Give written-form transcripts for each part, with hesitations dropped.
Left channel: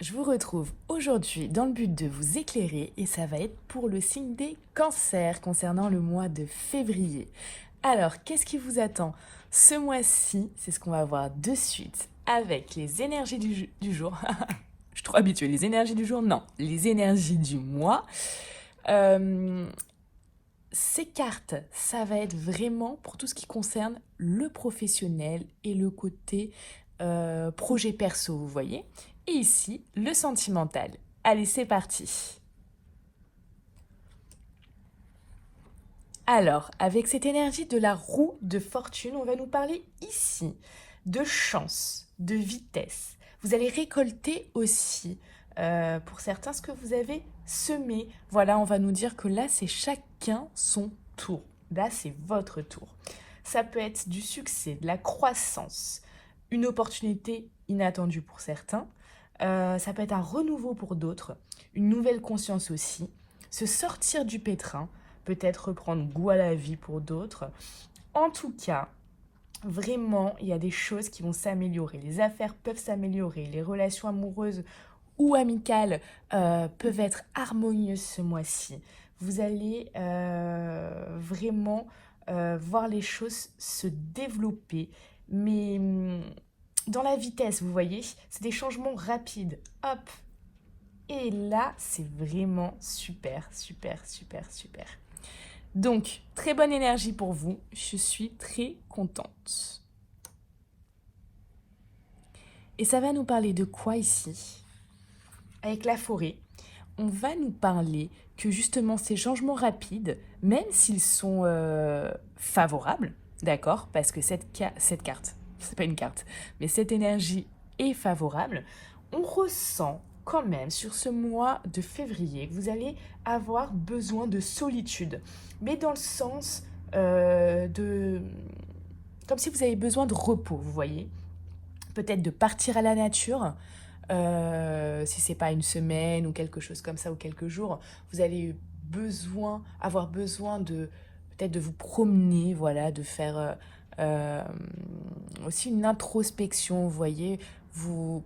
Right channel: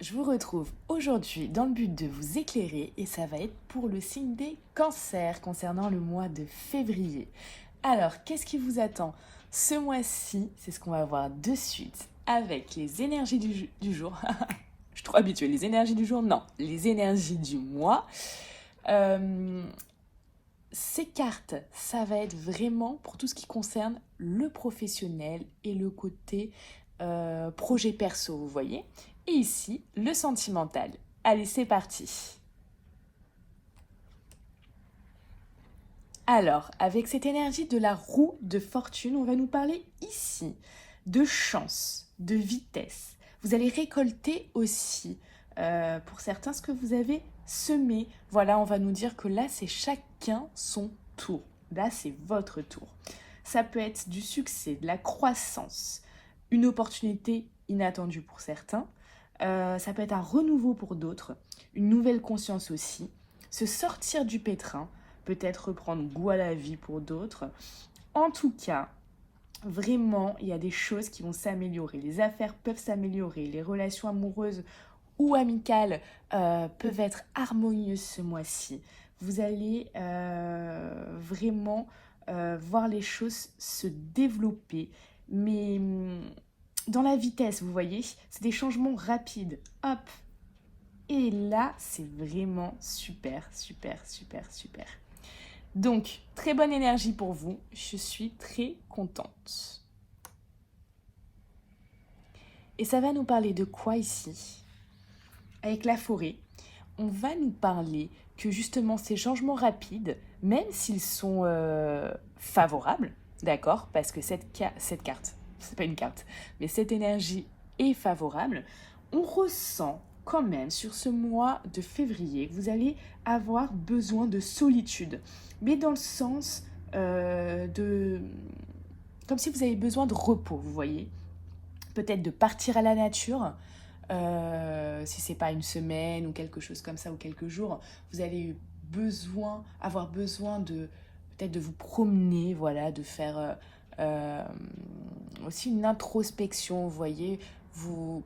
je vous retrouve aujourd'hui dans le but de vous éclairer et ça va être pour le signe des cancers concernant le mois de février. Alors, qu'est-ce qui vous attend ce mois-ci? C'est ce qu'on va voir de suite avec les énergies du jour. Je suis trop habituée. Les énergies du jour? Non, les énergies du mois. Euh, Ces cartes, ça va être vraiment pour tout ce qui concerne le professionnel et le côté projet perso, vous voyez. Et ici, le sentimental. Allez, c'est parti. Alors, avec cette énergie de la roue de fortune, on va nous parler ici de chance, de vitesse. Vous allez récolter aussi, pour certains, ce que vous avez semé. Voilà, on va nous dire que là, c'est chacun son tour. Là, c'est votre tour. Ça peut être du succès, de la croissance, une opportunité inattendue pour certains. Ça peut être un renouveau pour d'autres, une nouvelle conscience aussi, se sortir du pétrin, peut-être reprendre goût à la vie pour d'autres. En tout cas, vraiment, il y a des choses qui vont s'améliorer. Les affaires peuvent s'améliorer, les relations amoureuses ou amicales peuvent être harmonieuses ce mois-ci. Vous allez vraiment voir les choses se développer, mais dans la vitesse, vous voyez, c'est des changements rapides. Hop. Et là, c'est vraiment super, super, super, super. Donc, très bonne énergie pour vous. Je suis très contente. Et ça va nous parler de quoi ici? Avec la forêt, on va nous parler que justement ces changements rapides, même s'ils sont favorables, d'accord, parce que cette carte, c'est pas une carte, mais cette énergie est favorable, on ressent quand même sur ce mois de février que vous allez avoir besoin de solitude, mais dans le sens de... comme si vous avez besoin de repos, vous voyez, peut-être de partir à la nature, si c'est pas une semaine ou quelque chose comme ça ou quelques jours, vous allez avoir besoin de peut-être de vous promener, voilà, de faire aussi une introspection, vous voyez,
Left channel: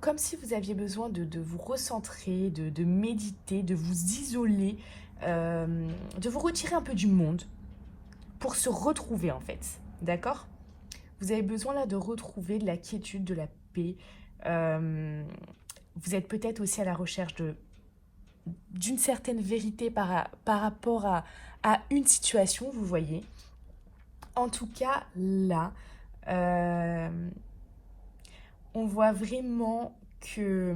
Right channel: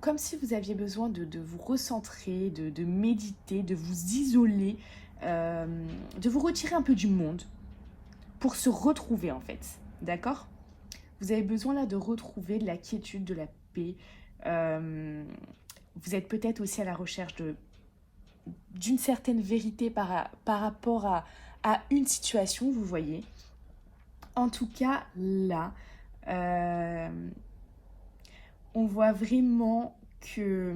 comme si vous aviez besoin de vous recentrer, de méditer, de vous isoler, de vous retirer un peu du monde pour se retrouver en fait, d'accord? Vous avez besoin là de retrouver de la quiétude, de la paix. Euh, Vous êtes peut-être aussi à la recherche d'une certaine vérité par rapport à une situation, vous voyez. En tout cas, là, euh, on voit vraiment que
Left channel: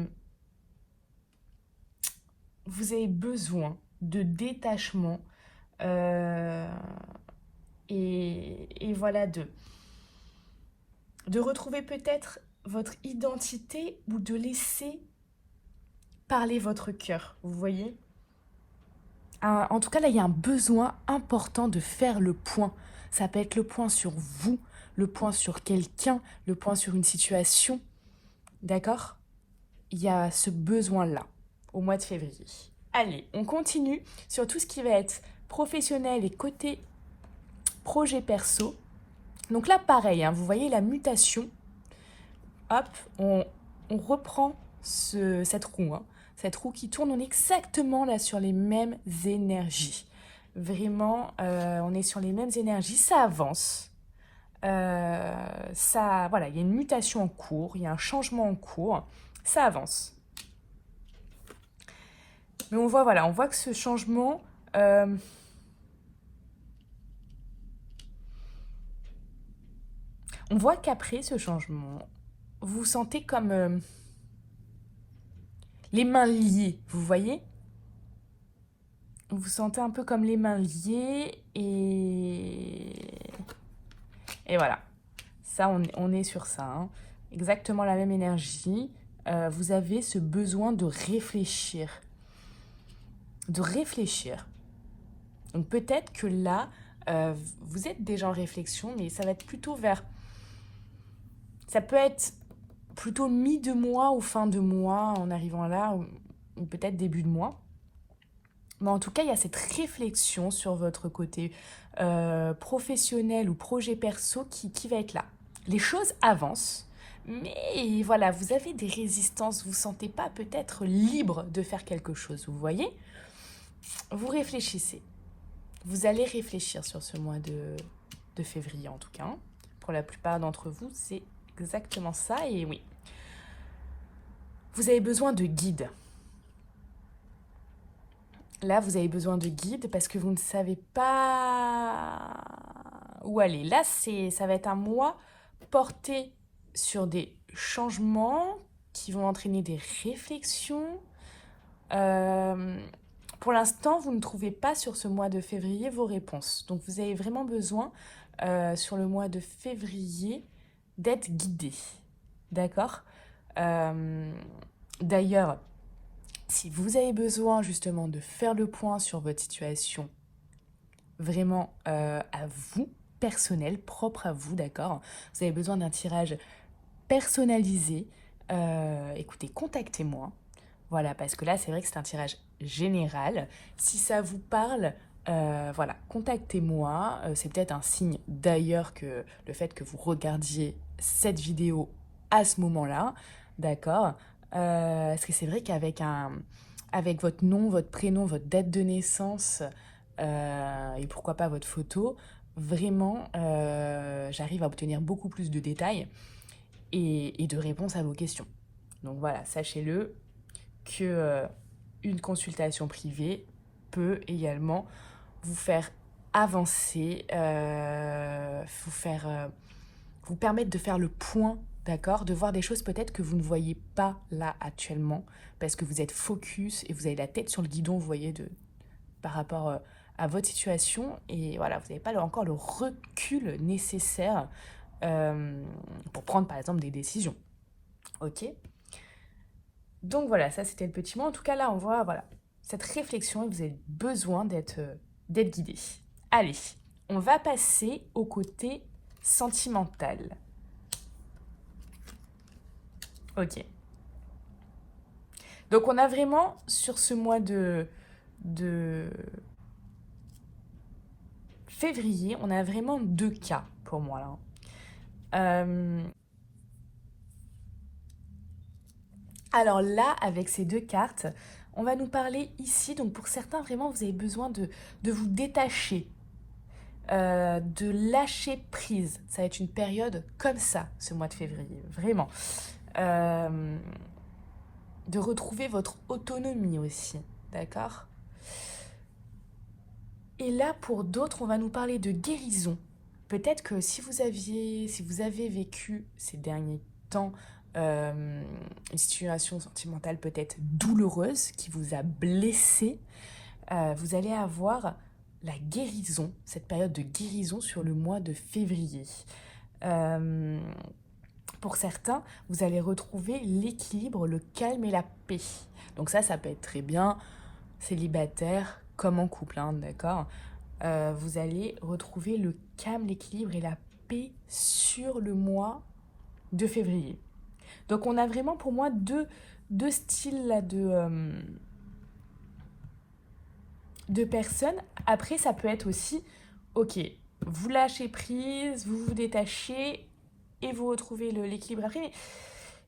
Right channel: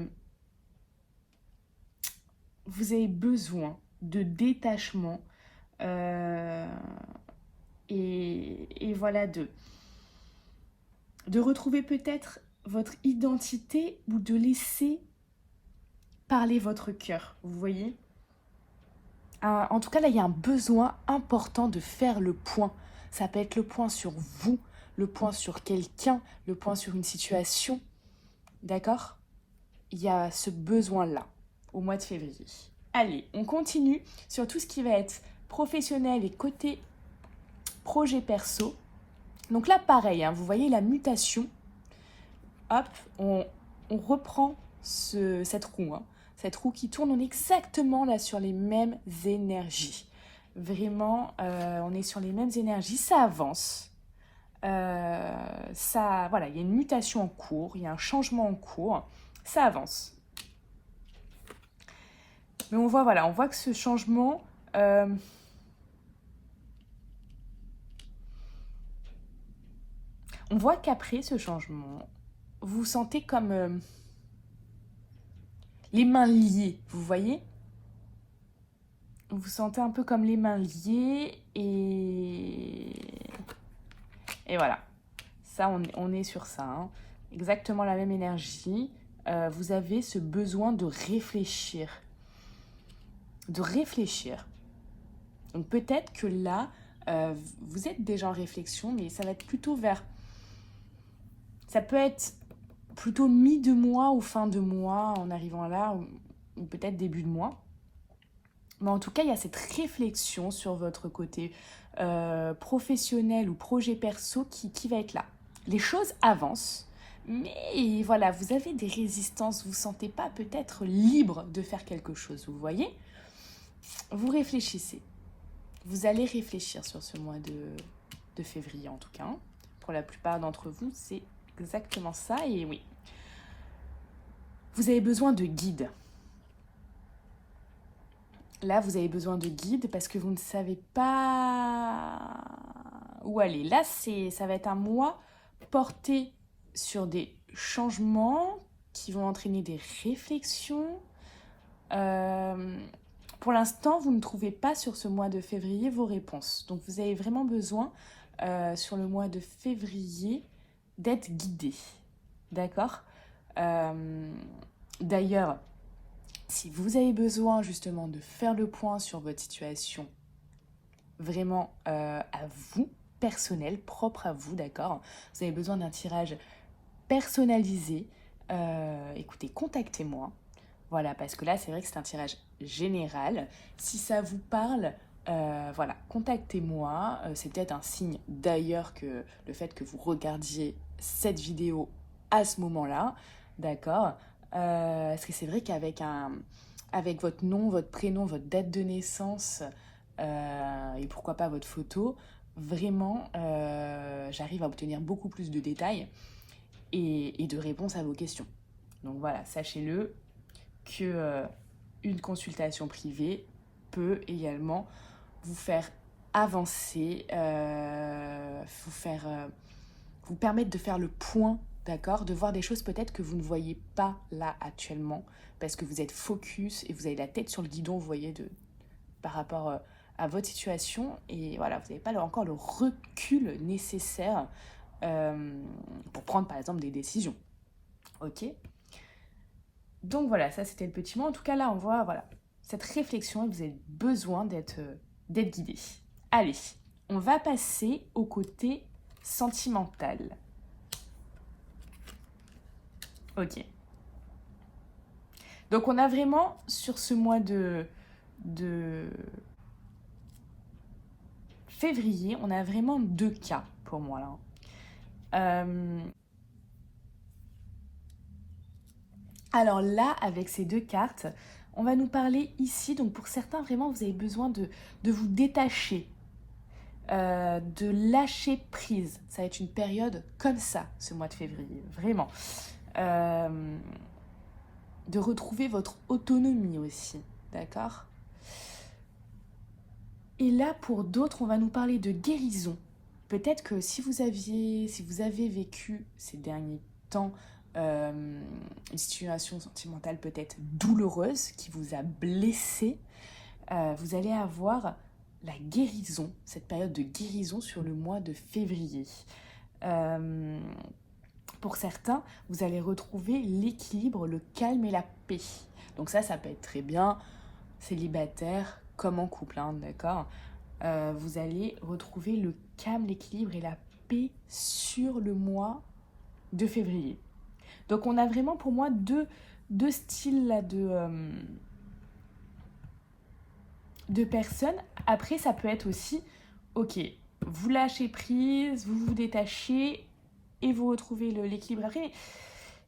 vous avez besoin de détachement euh, et voilà, de retrouver peut-être votre identité ou de laisser parler votre cœur, vous voyez. En tout cas, là, il y a un besoin important de faire le point. Ça peut être le point sur vous, le point sur quelqu'un, le point sur une situation. D'accord? Il y a ce besoin-là au mois de février. Allez, on continue sur tout ce qui va être professionnel et côté projet perso. Donc là, pareil, hein, vous voyez la mutation. Hop, on reprend cette roue. Hein. Cette roue qui tourne, on est exactement là sur les mêmes énergies. Vraiment, on est sur les mêmes énergies, ça avance. Voilà, il y a une mutation en cours, il y a un changement en cours, ça avance. Mais on voit que ce changement, on voit qu'après ce changement, vous vous sentez comme les mains liées, vous voyez? Vous vous sentez un peu comme les mains liées et voilà. Ça, on est sur ça. Hein. Exactement la même énergie. Vous avez ce besoin de réfléchir. De réfléchir. Donc peut-être que là, vous êtes déjà en réflexion, mais ça va être plutôt vers... Ça peut être plutôt mi de mois ou fin de mois en arrivant là, ou peut-être début de mois. Mais en tout cas, il y a cette réflexion sur votre côté professionnel ou projet perso qui va être là. Les choses avancent, Mais voilà, vous avez des résistances, vous ne vous sentez pas peut-être libre de faire quelque chose, vous voyez? Vous réfléchissez. Vous allez réfléchir sur ce mois de février en tout cas. Pour la plupart d'entre vous, c'est exactement ça. Et oui, vous avez besoin de guide. Là, vous avez besoin de guide parce que vous ne savez pas où aller. Là, ça va être un mois porté sur des changements qui vont entraîner des réflexions. Pour l'instant, vous ne trouvez pas sur ce mois de février vos réponses. Donc, vous avez vraiment besoin, sur le mois de février, d'être guidé. D'accord? D'ailleurs, si vous avez besoin justement de faire le point sur votre situation, vraiment à vous, personnel, propre à vous, d'accord? Vous avez besoin d'un tirage personnalisé. Écoutez, contactez-moi. Voilà, parce que là, c'est vrai que c'est un tirage général. Si ça vous parle, voilà, contactez-moi. C'est peut-être un signe d'ailleurs que le fait que vous regardiez cette vidéo à ce moment-là, d'accord? Parce que c'est vrai avec votre nom, votre prénom, votre date de naissance et pourquoi pas votre photo, vraiment, j'arrive à obtenir beaucoup plus de détails et de réponses à vos questions. Donc voilà, sachez-le que une consultation privée peut également vous faire avancer, vous permettre de faire le point, d'accord, de voir des choses peut-être que vous ne voyez pas là actuellement, parce que vous êtes focus et vous avez la tête sur le guidon, vous voyez, par rapport à votre situation, et voilà, vous n'avez pas encore le recul nécessaire pour prendre par exemple des décisions. Ok? Donc voilà, ça c'était le petit mot. En tout cas, là, on voit voilà, cette réflexion et vous avez besoin d'être guidé. Allez, on va passer au côté sentimental. Ok. Donc on a vraiment, sur ce mois de février, on a vraiment deux cas pour moi là. Alors là, avec ces deux cartes, on va nous parler ici. Donc pour certains, vraiment, vous avez besoin de vous détacher, de lâcher prise. Ça va être une période comme ça, ce mois de février, vraiment. De retrouver votre autonomie aussi, d'accord? Et là, pour d'autres, on va nous parler de guérison. Peut-être que si vous avez vécu ces derniers temps une situation sentimentale peut-être douloureuse qui vous a blessé, vous allez avoir la guérison, cette période de guérison sur le mois de février. Pour certains, vous allez retrouver l'équilibre, le calme et la paix. Donc ça peut être très bien célibataire comme en couple, hein, d'accord? Vous allez retrouver le calme, l'équilibre et la paix sur le mois de février. Donc on a vraiment pour moi deux styles là, de personnes. Après, ça peut être aussi, ok, vous lâchez prise, vous vous détachez et vous retrouvez l'équilibre après. Mais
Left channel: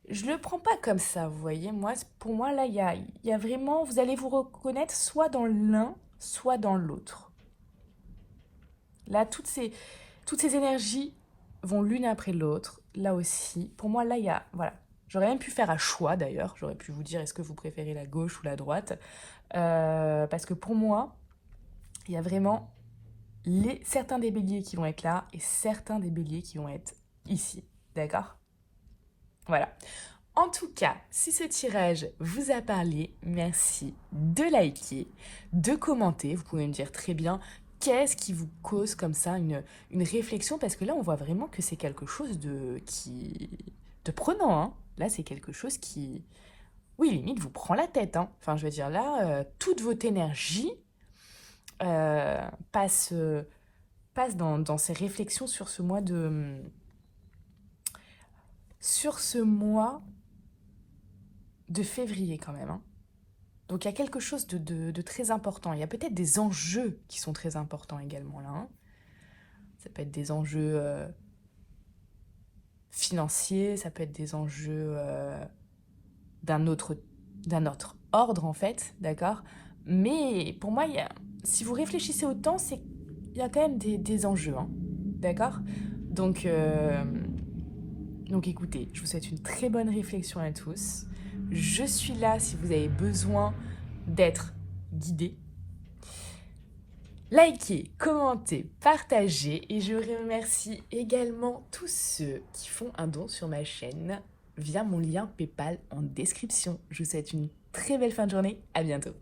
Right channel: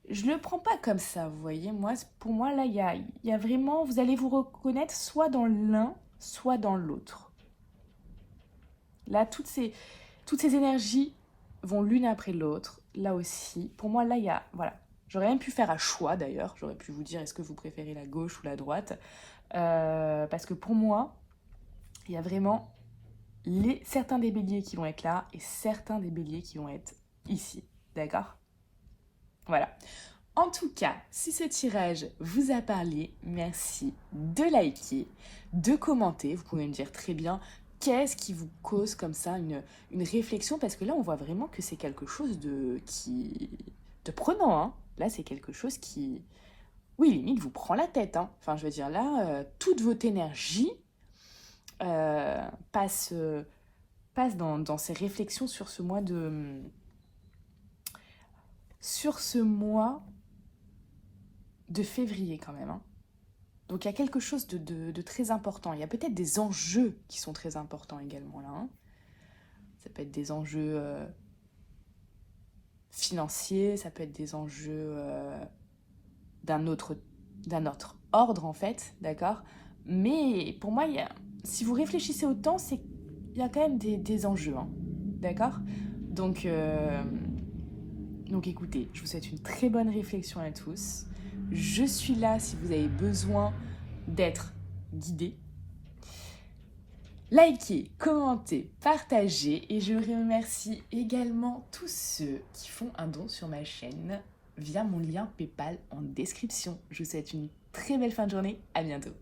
je le prends pas comme ça, vous voyez. Pour moi, là, il y a vraiment, vous allez vous reconnaître soit dans l'un, soit dans l'autre. Là, toutes ces énergies vont l'une après l'autre. Là aussi, pour moi, là, il y a, voilà. J'aurais même pu faire un choix d'ailleurs. J'aurais pu vous dire est-ce que vous préférez la gauche ou la droite. Parce que pour moi, il y a vraiment certains des béliers qui vont être là et certains des béliers qui vont être ici. D'accord? Voilà. En tout cas, si ce tirage vous a parlé, merci de liker, de commenter. Vous pouvez me dire très bien qu'est-ce qui vous cause comme ça une réflexion, parce que là, on voit vraiment que c'est quelque chose de prenant. Hein. Là, c'est quelque chose qui, oui, limite, vous prend la tête. Hein. Enfin, je veux dire, là, toute votre énergie passe dans ces réflexions sur ce mois de février quand même. Hein. Donc il y a quelque chose de très important. Il y a peut-être des enjeux qui sont très importants également là. Hein. Ça peut être des enjeux financiers, ça peut être des enjeux d'un autre, d'un autre ordre en fait, d'accord? Mais pour moi, si vous réfléchissez autant, c'est il y a quand même des enjeux, hein, d'accord? Donc, euh, donc écoutez, je vous souhaite une très bonne réflexion à tous. Je suis là si vous avez besoin d'être guidé. Likez, commentez, partagez et je remercie également tous ceux qui font un don sur ma chaîne via mon lien PayPal en description. Je vous souhaite une très belle fin de journée, à bientôt.